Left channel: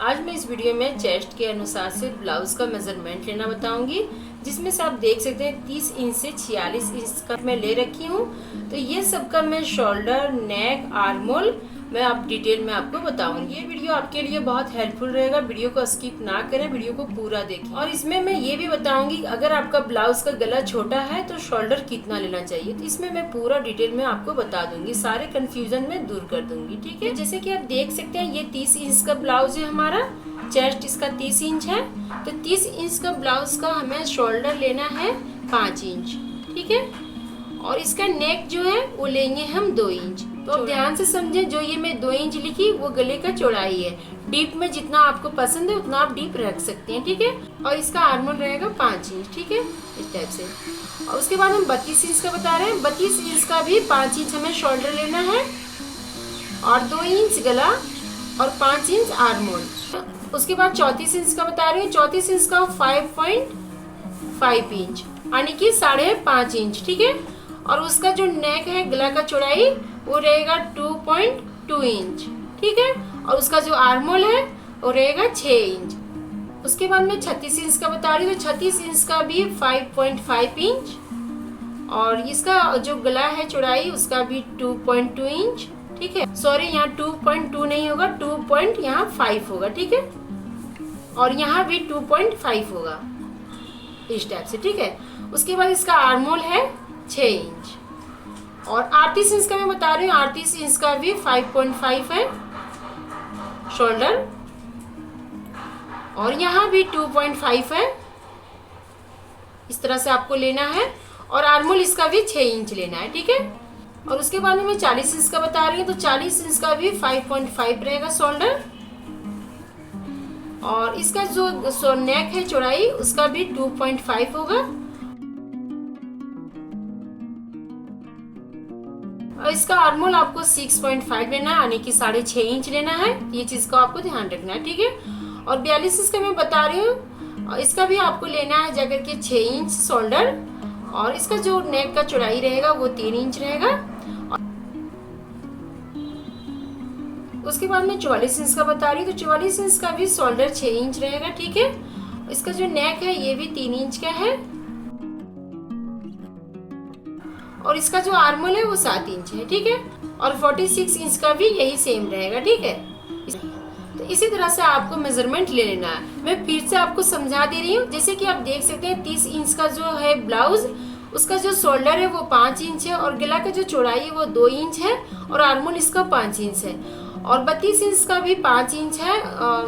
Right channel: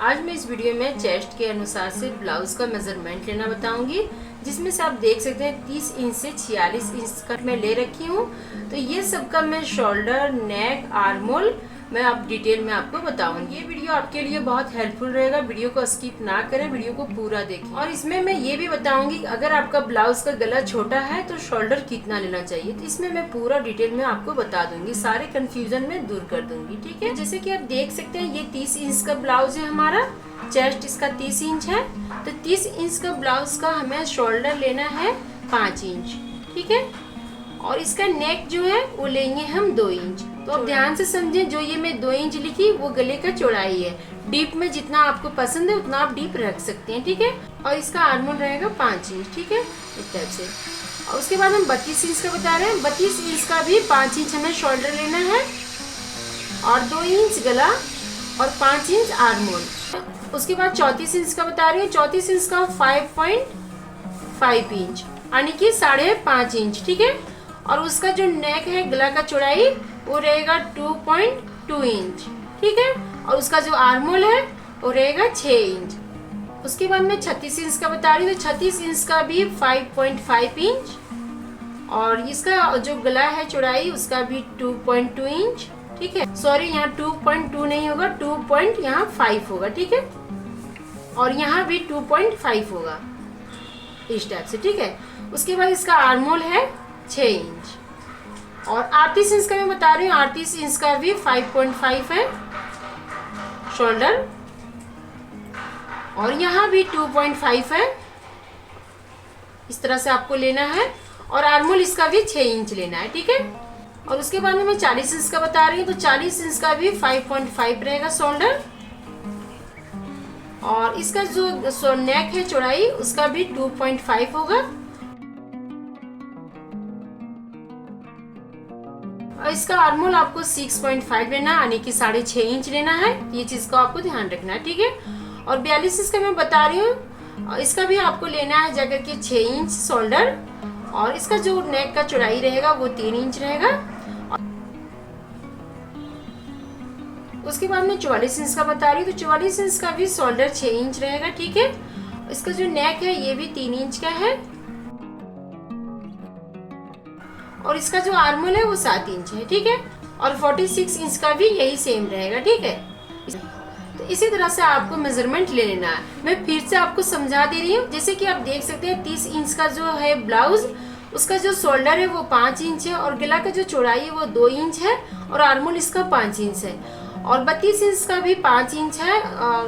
आज मैं इस वीडियो में चेस्ट के अनुसार से ब्लाउज का मेजरमेंट लेना बताऊंगी, जिसमें से आप देख सकते हैं 30 इंच से 46 इंच का मैं ले रखी हूँ। तो ये सब का मैं शोल्डर, नेक, आर्म होल मैं आप डिटेल में आपको बताऊंगी। ये वीडियो आपके लिए बहुत हेल्पफुल रहेगा, वीडियो को स्किप ना करें, वीडियो को पूरा देखें। और इसमें मैं ये भी बताऊंगी अगर आपका ब्लाउज का गला छोटा है तो शोल्डर कितना लेना चाहिए। तो इसमें मैं पूरा डिटेल में आपको बता दूंगी, सारे कंफ्यूजन में दूर कर दूंगी। ठीक है, जैसे कि आप देख सकते हैं ये 30 इंच का ब्लाउज है हमारा, चेस्ट इसका 30 इंच है। तो 30 इंच का ब्लाउज का हमें शोल्डर लेना है 5 इंच। ठीक है, और इसका नेक जो है वो लेंगे हम 2 इंच। तो आप ध्यान से समझें, जो ये मैं 2 इंच लिखी वो गले का चौड़ाई है। डीप में जितना आपको पसंद है उतना आप डीप रख सकते हैं। ठीक है, और इसका आर्म होल रहेगा 5 इंच। ठीक है, इस टाइप से। और उसके बाद हम 32 इंच का बता रहे हैं। 32 इंच का भी 5 इंच हमें शोल्डर लेना है और 2 इंच गला और 5 इंच आर्म होल। उसके बाद 34 इंच का बता रही हूँ। 34 इंच का 5.5 इंच यानी कि 5.5 इंच। ठीक है, और उसका जो नेक है, गला का चौड़ाई, वो रहेगा 2.2 इंच। ठीक है, और उसका जो आर्म होल है वो रहेगा 6 इंच। उसके बाद मैं 36 इंच का बता रही हूँ। तो 36 इंच का भी 5.5 इंच और इसका जो गला है चौड़ाई उसका भी 2.2 इंच। ठीक है, सॉरी यहाँ 2.2 नहीं होगा, 2.5 होगा। ठीक है, और यहाँ भी 2.5 होगा, इस टाइप से। ठीक है, उसके बाद इसका आर्म होल है 6 इंच और 38 इंच का मैं बता रही हूँ। 38 इंच का भी 5.5 है शोल्डर और यहाँ भी 2.5 है। इस तरह से आपको लेना है और आर्म होल इसका भी 6 इंच लेना है। ठीक है, और उसके बाद में मैं 40 इंच का बता रही हूँ। तो 40 इंच का भी 5.5 रहेगा शोल्डर और इसका जो नेक है चौड़ाई उसका भी 2.5 होगा और इसका आर्म होल आपको 6.5 लेना है यानी कि 6.5 इंच लेना है। ये चीज को आपको ध्यान रखना है। ठीक है, और 42 इंच का मैं बता रही हूँ और इसका भी आपको लेना है जाकर के 6 इंच शोल्डर और इसका जो नेक का चौड़ाई रहेगा वो 3 इंच रहेगा। उसके बाद मैं 44 इंच का बता रही हूँ। तो 44 इंच का भी शोल्डर 6 इंच रहेगा। ठीक है, इसका जो नेक है ये भी 3 इंच का है और इसका जो आर्म होल है वो 7 इंच है। ठीक है, और 46 इंच का भी यही सेम रहेगा। ठीक है, तो इसी तरह से आपको मेजरमेंट ले लेना है। मैं फिर से आपको समझा दे रही हूँ। जैसे कि आप देख सकते हैं 30 इंच का जो है ब्लाउज, उसका जो शोल्डर है वो 5 इंच है और गला का जो चौड़ाई है वो 2 इंच है और आर्म होल इसका 5 इंच है। और 32 इंच का भी 5 इंच है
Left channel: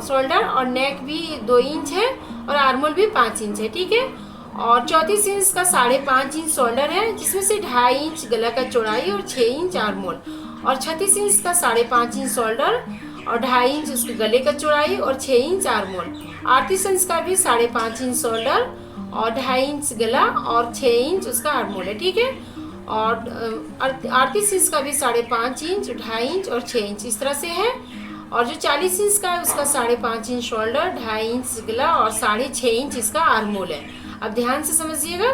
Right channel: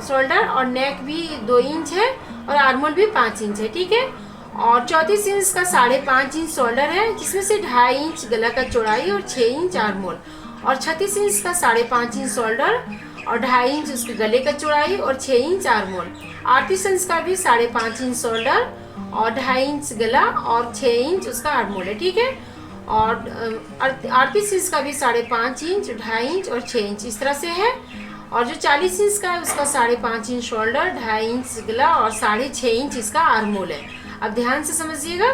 शोल्डर और नेक भी 2 इंच है और आर्म होल भी 5 इंच है। ठीक है, और 34 इंच का 5.5 इंच शोल्डर है, जिसमें से 2.5 इंच गला का चौड़ाई और 6 इंच आर्म होल। और 36 इंच का 5.5 इंच शोल्डर और 2.5 इंच उसके गले का चौड़ाई और 6 इंच आर्म होल। 38 इंच का भी 5.5 इंच शोल्डर और 2.5 इंच गला और 6 इंच उसका आर्म होल है। ठीक है, और 38 इंच का भी 5.5 इंच, 2.5 इंच और 6 इंच इस तरह से है। और जो 40 इंच का है उसका 5.5 इंच शोल्डर, 2.5 इंच गला और 6.5 इंच इसका आर्म होल है। अब ध्यान से समझिएगा।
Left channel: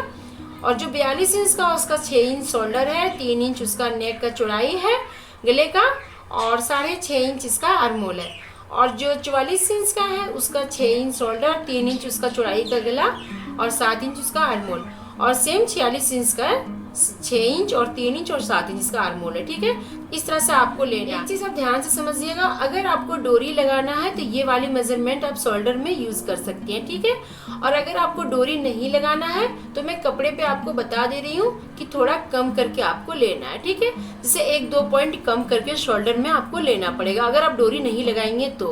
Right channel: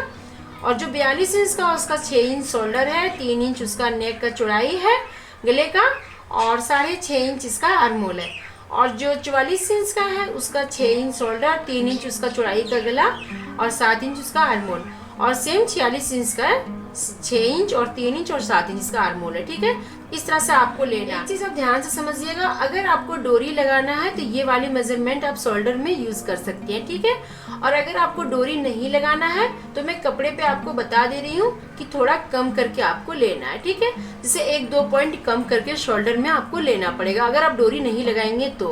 और जो 42 इंच का उसका 6 इंच शोल्डर है, 3 इंच उसका नेक का चौड़ाई है गले का और 6.5 इंच इसका आर्म होल है। और जो 44 इंच का है उसका 6 इंच शोल्डर, 3 इंच उसका चौड़ाई का गला और 7 इंच उसका आर्म होल। और सेम 46 इंच का 6 इंच और 3 इंच और 7 इंच का आर्म होल है। ठीक है, इस तरह से आपको लेना है। एक चीज आप ध्यान से समझिएगा, अगर आपको डोरी लगाना है तो ये वाली मेजरमेंट आप शोल्डर में यूज कर सकती हैं। ठीक है, और अगर आपको डोरी नहीं लगाना है तो मैं कपड़े पे आपको बता दे रही हूँ कि थोड़ा कम करके आपको लेना है। ठीक है, जैसे 1-2 पॉइंट कम करके शोल्डर में आपको लेना पड़ेगा अगर आप डोरी नहीं लगाएंगे तो।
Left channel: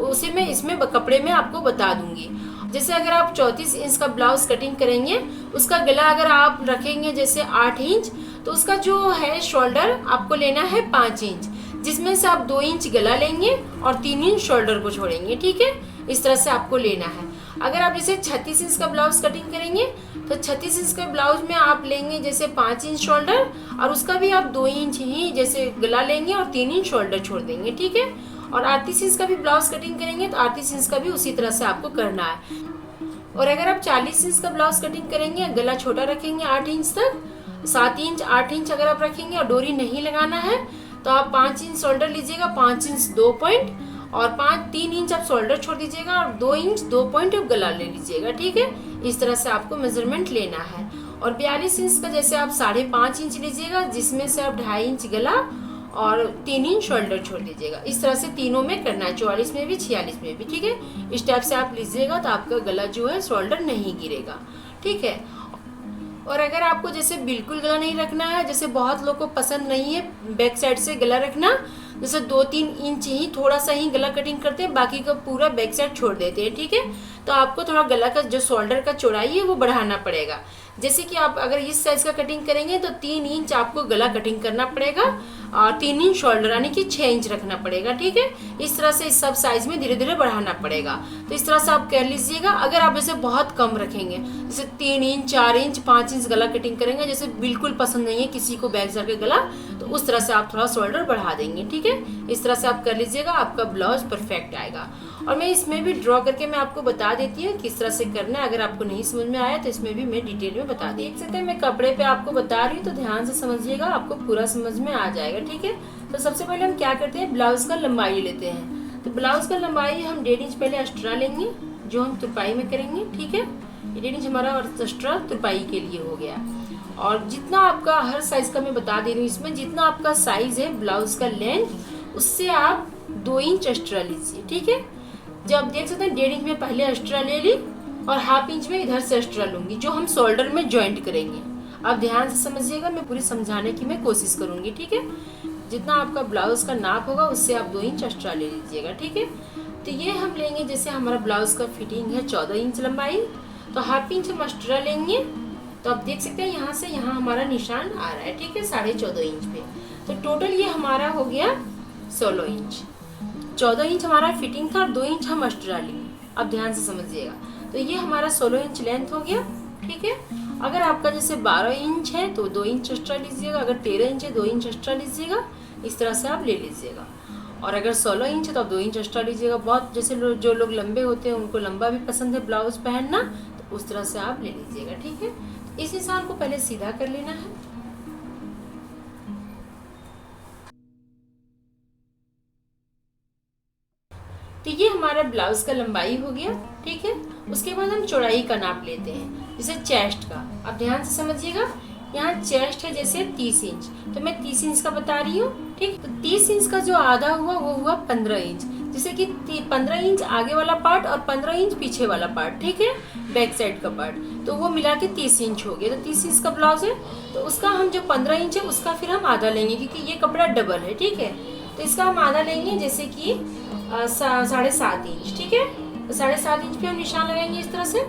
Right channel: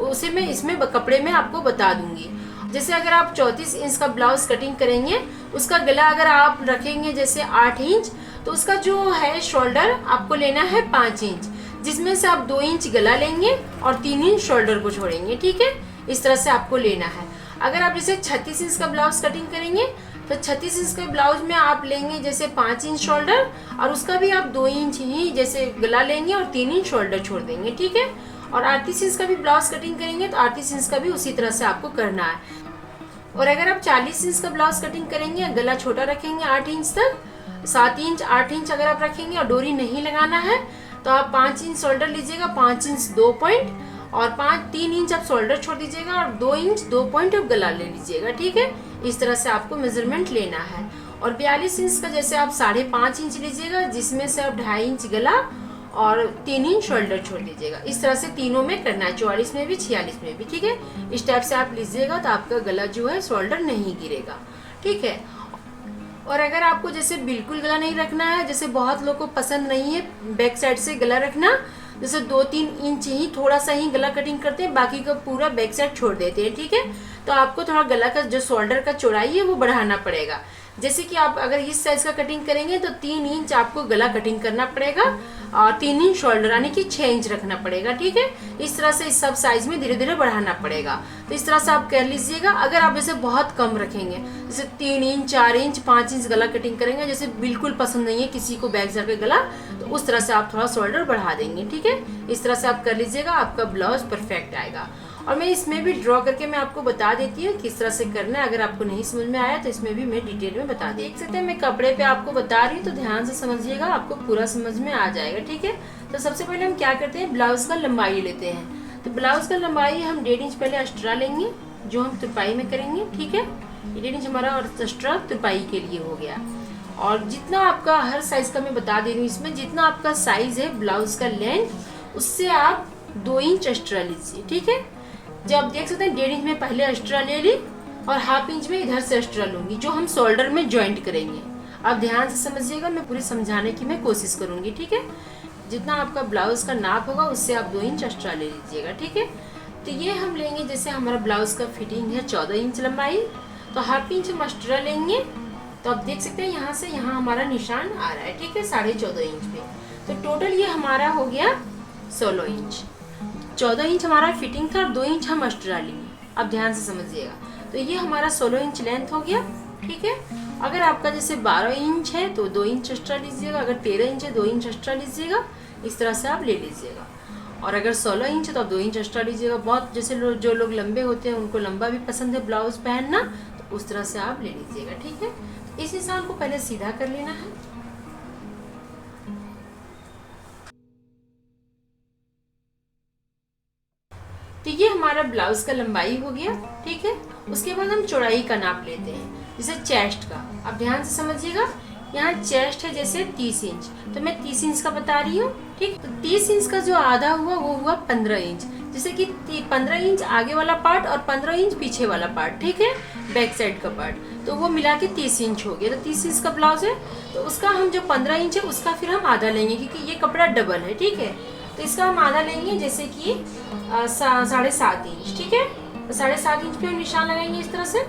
उसे मैं इसमें कपड़े में आपको बता दूंगी। जैसे अगर आप 34 इंच का ब्लाउज कटिंग करेंगे, उसका गला अगर आप रखेंगे जैसे 8 इंच, तो उसका जो है शोल्डर आपको लेना है 5 इंच, जिसमें से आप 2 इंच गला लेंगे और 3 इंच शोल्डर को छोड़ेंगे। ठीक है, इस तरह से आपको लेना है। अगर आप जैसे 36 इंच का ब्लाउज कटिंग करेंगे तो 36 इंच के ब्लाउज में आप लेंगे जैसे 5 इंच शोल्डर और उसका भी आप 2 इंच ही जैसे गला लेंगे और 3 इंच शोल्डर छोड़ देंगे। ठीक है, और 38 इंच का भी ब्लाउज कटिंग करेंगे तो 38 इंच का भी उसी तरह से आपको करना है। और अगर आप 40 इंच का ब्लाउज कटिंग करेंगे, गला छोटा रखेंगे 8 इंच तक, 7 इंच 8 इंच अगर आप रखेंगे और डोरी नहीं लगाना है तो आप 5 इंच शोल्डर लीजिएगा, 5 इंच 2 पॉइंट और 3 इंच आप शोल्डर छोड़ दीजिएगा और 2 इंच 2 पॉइंट आप गला ले लीजिएगा, ठीक है। इस तरह से आपको मेजरमेंट लेना है। और 42 इंच का जैसे आप 5.5 इंच लीजिएगा, जिसमें से आप 2.5 इंच गला और 3 इंच शोल्डर छोड़ लीजिएगा। इस तरह से तीनों में करना है, 44 में भी 46 में भी, ठीक है। इस टाइप से आप लीजिएगा तो आपका गला जो है शोल्डर नहीं गिरेगा, ठीक है। और अगर आपको जैसे बिल्कुल गला नहीं रखना है, जैसे बहुत लोगों को पसंद नहीं है बैक साइड से गला रखना, जैसे 2-3 इंच ही थोड़ा सा ही गला कटिंग करते हैं, बाकी का पूरा बैक साइड छोड़ देते हैं, ठीक है। तो आपको थोड़ा गला का जो शोल्डर का चौड़ाई है वो बढ़ाना पड़ेगा। जैसे कि आप अगर इस साइज का कटिंग करेंगे तो 3 इंच आपको गला कटिंग करना पड़ेगा और 3 इंच शोल्डर यानी कि 6 इंच रखना पड़ेगा, ठीक है। इस तरह से इस सब साइज में धीरे धीरे बढ़ाना पड़ेगा। तो इस तरह से आप कर लीजिएगा। अगर आप इसे बहुत कम रखेंगे, जैसे 3 इंच 4 इंच 5 इंच गला कटिंग करेंगे, जैसे बिल्कुल पसंद नहीं है किसी को बैक साइड का गला, तो उस तरह से आप थोड़ा शोल्डर बढ़ा देंगे, ठीक है। इस तरह से आप कर लीजिएगा, आपका ब्लाउज परफेक्ट आएगा। और मैं इसमें भी ड्रॉ करके मैं आपको बता देती हूँ किस तरह से करना है। अगर आपको नहीं समझ में आया तो इसमें भी मैं डिटेल में बता देख सकते हैं। मैं कपड़े पे आपको बता रही हूँ तो ध्यान से समझिएगा, आपको पूरा समझ में आ जाएगा, ठीक है। तो सबसे पहले हम क्या करते हैं, ब्लाउज का लंबाई लेते हैं। तो ब्लाउज का लंबाई हम 1.5 इंच पहले एक्स्ट्रा लेंगे, जो हम तुरपाई में करेंगे, ठीक है। 1.5 इंच हमारा और एक्स्ट्रा तुरपाई के लिए हो गया। और जितना आपका हर साइज का मैं बता दे रही हूँ, इसमें जितना आपका साइज है ब्लाउज का लेंथ, उससे आप 2 इंच एक्स्ट्रा लीजिए, ठीक है। जब आप देख सकते हैं 1.5 इंच में पहले एक्स्ट्रा ले ली और 1/2 इंच में इधर से एक्स्ट्रा लूंगी, जो हम शोल्डर में ज्वाइंट करेंगे। आप ध्यान से समझिएगा, मैं पूरी समझाने की मैं कोशिश करूंगी, ठीक है। जितना आपका ब्लाउज का नाप होगा उससे आप 2 इंच एक्स्ट्रा ले लीजिएगा, ठीक है। तो ये हम लेंगे, जैसे हमारा ब्लाउज का फिटिंग है 14 इंच लंबाई, तो 1/2 इंच हम एक्स्ट्रा लेंगे। तो आप देख सकते हैं यहाँ से यहाँ हमारा निशान आ रहा है, ठीक है, 14.5 इंच पे। तो टोटल ये हमारा हो गया 16 इंच। 14 इंच हमारा फिटिंग था और 2 इंच हम एक्स्ट्रा लेंगे। अब ध्यान से समझिएगा, तो ये हमारा 16 इंच लेंथ हो गया, ठीक है। अगर आपका जैसे 12 इंच है तो 2 इंच एक्स्ट्रा लीजिएगा, अगर 13 इंच है 2 इंच एक्स्ट्रा लीजिएगा, इस तरह से आप ले लीजिएगा। और अगर 16 इंच है तो आप 2 इंच एक्स्ट्रा लीजिएगा। बहुत जैसे जो लोग लंबे होते हैं उनको लंबा भी पसंद है ब्लाउज पहनना, तो उस तरह से आप ले लीजिएगा, ठीक है। इस निशान को पहले सीधा कर लेना है। तो ये हमारा ब्लाउज का लंबाई हो गया, ठीक है। उसके बाद हम चौड़ाई का नाप लेते हैं, जैसे चेस्ट का। अब ध्यान से समझिएगा, यहाँ चेस्ट है जैसे 30 इंच, तो मैं 30 इंच का बता रही हूँ, ठीक। तो 30 इंच का जो आधा हुआ वो हुआ 15 इंच, जैसे कि 15 इंच आगे वाला पार्ट और 15 इंच पीछे वाला पार्ट, ठीक है, बैक साइड का पार्ट, तो वो मिला के 30 इंच हो गया। तो 30 इंच का ब्लाउज है, तो उसका हम जो 15 इंच है उसका फिर हम आधा लेंगे, क्योंकि ये कपड़ा डबल है, ठीक है। तो इसका हम आधा लेंगे, जैसे कि 7.5 इंच, ठीक है। तो 7.5 इंच पे हम निशान लगाएंगे इस तरह से।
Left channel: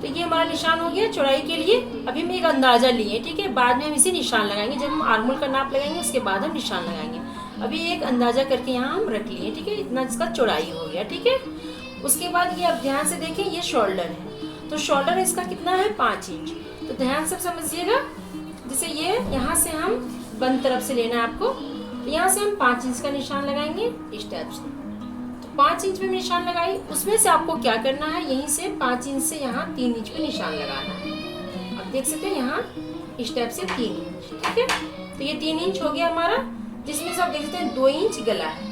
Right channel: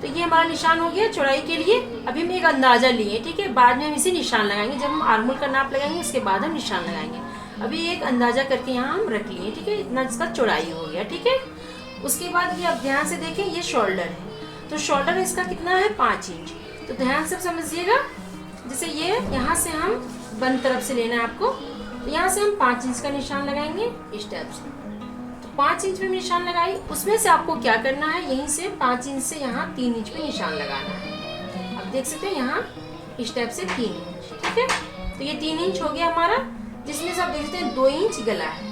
तो ये हमारा निशान हो गया चौड़ाई के लिए। अभी हम एक अंदाजा लिए, ठीक है, बाद में हम इसे निशान लगाएंगे। जब हम आर्मोल का नाप लगाएंगे उसके बाद हम निशान लगाएंगे। अभी एक अंदाजा करके यहाँ हम रख लिए, ठीक है, इतना इसका चौड़ाई हो गया, ठीक है। उसके बाद ये अब ध्यान से देखें, ये शोल्डर है, तो शोल्डर इसका कितना है 5 इंच। तो ध्यान से समझिएगा, जैसे ये यहाँ से हम बंद तरफ से लेना है आपको, यहाँ से हम 5 इंच का निशान लगाएंगे इस टाइप से। तो 5 इंच में निशान लगाई, उसमें से आपको क्या करना है, यहीं से 5 इंच से यहाँ 3 इंच में निशान लगाना है। अब देख सकते हैं यहाँ इस टाइप से 3 इंच, ठीक है। तो ये 3 इंच हो गया हमारा, जिसमें से आप देख सकते हैं 2 इंच गला है।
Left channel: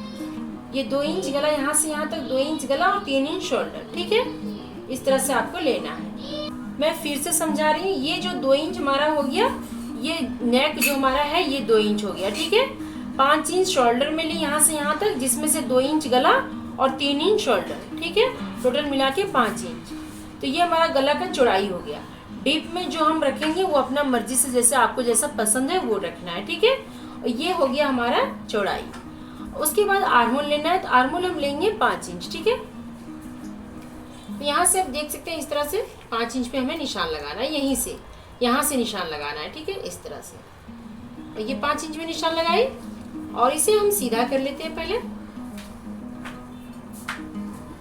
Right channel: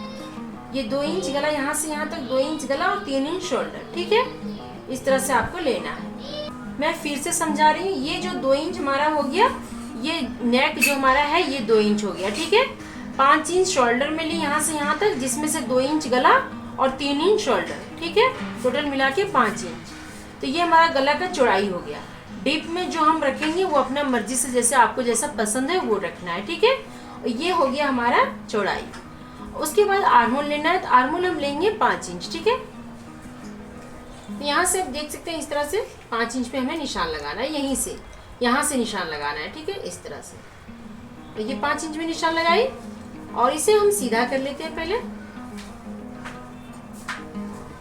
ये 2 इंच गला, यहाँ से यहाँ तक 2 इंच गला और 3 इंच शोल्डर, ठीक है। इस तरह से आपको लेना है। मैं फिर से समझा रही हूँ, ये जो 2 इंच हमारा हो गया, ये नेक जो हमारा है ये 2 इंच हो गया, ठीक है। 5 इंच शोल्डर में ली यहाँ से यहाँ तक, जिसमें से 2 इंच गला और 3 इंच शोल्डर, ठीक है, टोटल मिला के 5 इंच। तो ये हमारा गला का चौड़ाई हो गया। डीप में जो हम रखेंगे वो अपना मर्जी से, जैसे आपको जैसा पसंद है वो रखना है, ठीक है। और ये हो गया हमारा चौड़ाई। उसके बाद आर्मोल लेना है, तो आर्मोल हम लेंगे 5 इंच, ठीक है। तो यहाँ से आप देख सकते हैं इस तरह से 5 इंच पे हमें निशान लगाना है, यहीं से यहाँ से निशान लगाना है, ठीक है, इस तरह से। तो ये 5 इंच में निशान लगाई और इसे हम सीधा कर लेते हैं पहले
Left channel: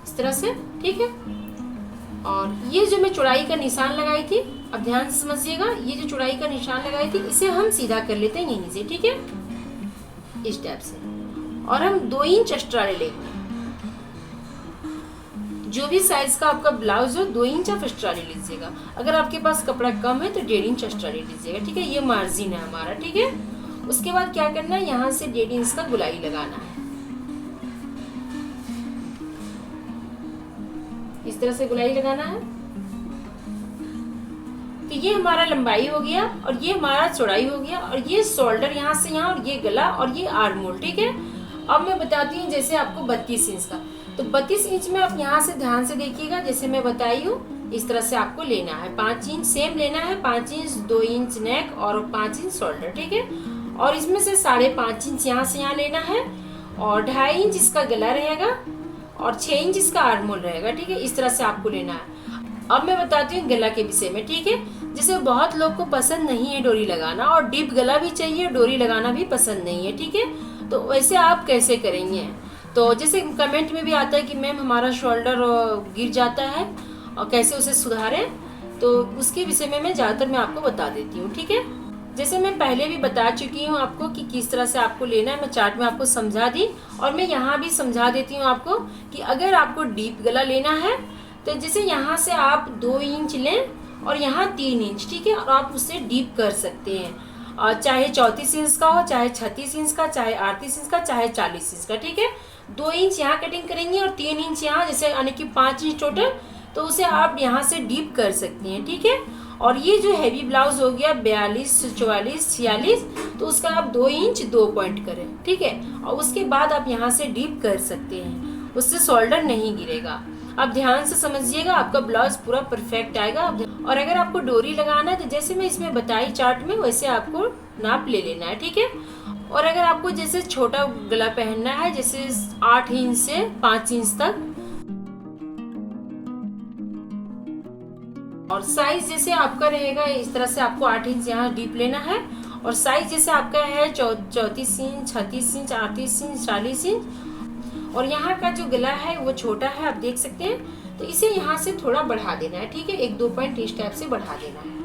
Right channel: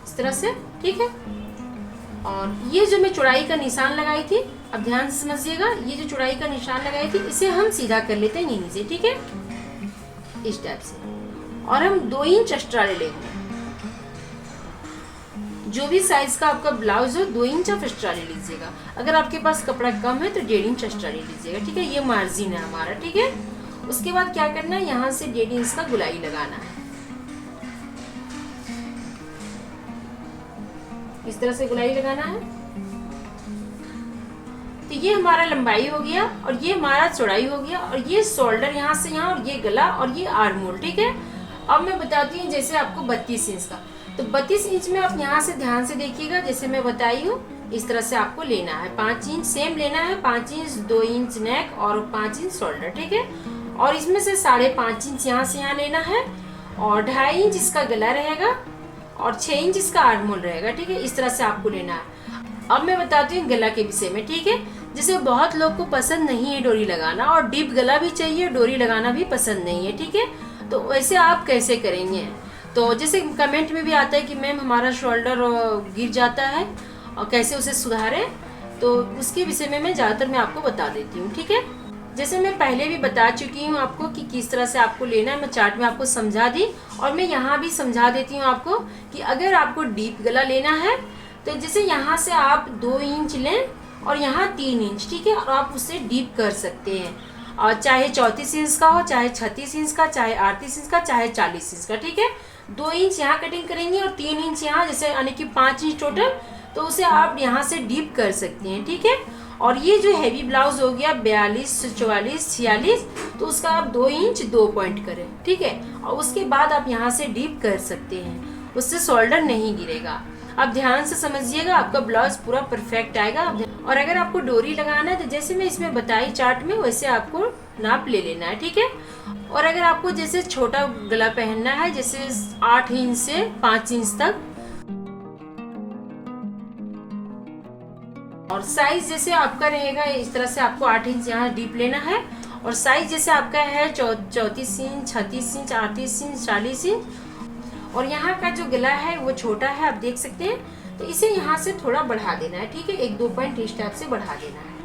इस तरह से, ठीक है। और ये जो मैं चौड़ाई का निशान लगाई थी, अब ध्यान से समझिएगा, ये जो चौड़ाई का निशान लगाई थी इसे हम सीधा कर लेते हैं यहीं से, ठीक है, इस टाइप से। और हम 2 इंच एक्स्ट्रा ले लेंगे। जो भी साइज का आपका ब्लाउज हो 2 इंच आप एक्स्ट्रा ले लीजिएगा। अगर आपके पास कपड़ा कम है तो 1.5 इंच एक्स्ट्रा ले लीजिएगा, ठीक है। ये मार्जिन है हमारा, ठीक है। उसके बाद क्या करना है, यहाँ से 1.5 इंच का गुलाई लगाना है। इस तरह से गोलाई लगाना है। तो ये हमारा लंबाई हो गया और ये हमारा चौड़ाई हो गया और ये शोल्डर यहाँ से यहाँ और ये गला और ये आर्म होल, ठीक है। अब मैं बताती हूँ जैसे आपको 32 इंच का, तो 32 इंच में आप यहाँ से ध्यान से देखिएगा, जैसे मैं बताई हूँ इस तरह से आपको लेना है। 5 इंच सेम लेना है, 5 इंच 2 इंच नेक और 5 इंच शोल्डर, ठीक है। और इसमें से 5.5 इंच यहाँ से यहाँ लेना है और 2.5 इंच इसका गला रहेगा और 6 इंच इसका आर्म होल रहेगा, ठीक है। इस तरह से आपको लेना है। अब मैं बताती हूँ गला के विषय में, ठीक है। जैसे बहुत लोग को पसंद नहीं है डोरी लगाना और डीप गला भी चाहिए, डोरी लगाना भी पसंद नहीं है, ठीक है। तो वैसे आप कैसे करेंगे, तो जैसे कमेंट में भी आता है कि मैम हमारा शोल्डर गिर जाता है और कैसे उसे सुधारें, तो उसके विषय में मैं ज़्यादातर मैं आपको बता देती हूँ, ठीक है। जैसे मैं पहले भी बता चुकी हूँ आपको कि किस तरह से आपको लेना है, मैं चार्ट में आपको समझा दी और मैं यहाँ भी समझा देती हूँ आपको कि अगर आपको डीप गला लेना है तो जैसे यहाँ से आप 2 इंच लें और यहाँ 3 इंच, ठीक है। और आप उससे डीप कर सकते हैं, और चाहे 34 इंच का हो, चाहे 36 इंच का, चाहे 38 इंच का, चाहे 40 इंच का, ठीक है। 2 इंच यहाँ कटिंग करेंगे और 3 इंच यहाँ, जैसे यानी कि 5 इंच टोटल, तो उसे आप यहाँ से डीप कर सकते हैं, ठीक है। और ये जो हैवी ब्लाउज हो गया 42, 44, 46, तो उसका आप 2 इंच 2 पॉइंट करें, ठीक है। और उसके बाद आप यहाँ से डीप कर सकते हैं, उससे शोल्डर नहीं गिरेगा। आप ध्यान से समझिएगा, आपका ब्लाउज पूरा परफेक्ट आएगा। और अगर आपको डोरी लगाना है तो जैसे मैं इसमें बताई चार्ट में, वैसे आपको नाप ले लेना है, ठीक है। और अगर आपको जैसे छोटा गला पहनना है, जैसे 8 इंच से 5 इंच तक, और साइज जैसे आपका रहेगा इस तरह से आपको 8 इंच यहाँ डीप लेना है। और साइज जैसे आपका है 34 इंच, 36 इंच, 38 इंच, 40 इंच, और यहाँ का जो गला है वो छोटा है, आप देख सकते हैं। तो इसे यहाँ से थोड़ा बढ़ा देना है, ठीक है। 1-2 पॉइंट इस टाइप से बढ़ा देना है,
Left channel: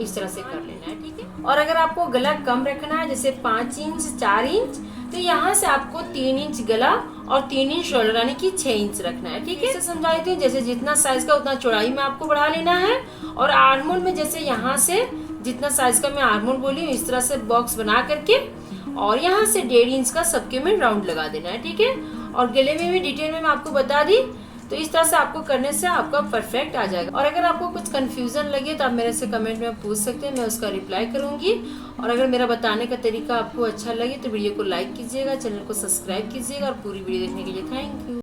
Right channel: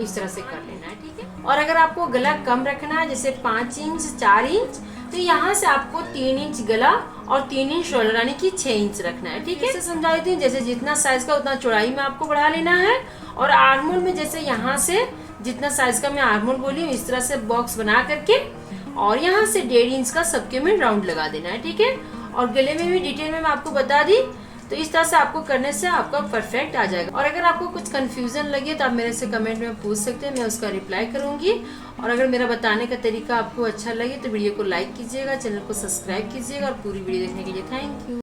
इस तरह से कर लेना है, ठीक है। और अगर आपको गला कम रखना है, जैसे 5 इंच, 4 इंच, तो यहाँ से आपको 3 इंच गला और 3 इंच शोल्डर यानी कि 6 इंच रखना है, ठीक है। इसे समझा देती हूँ, जैसे जितना साइज का उतना चौड़ाई में आपको बढ़ा लेना है। और आर्म होल में जैसे यहाँ से जितना साइज का मैं आर्म होल बोली हूँ, इस तरह से बॉक्स बना करके और यहाँ से 1.5 इंच का सबके में राउंड लगा देना है, ठीक है। और गले में भी डिटेल में मैं आपको बता दी, तो इस तरह से आपको करने से आपका परफेक्ट आ जाएगा। और अगर आपको कुछ कंफ्यूजन लगे तो आप मेरे से कमेंट में पूछ सकते हैं, मैं उसका रिप्लाई करूंगी। और अगर मेरा बताने का तरीका आपको अच्छा लगे तो वीडियो को लाइक कीजिएगा, चैनल को सब्सक्राइब कीजिएगा और पूरी वीडियो देखने के लिए थैंक यू।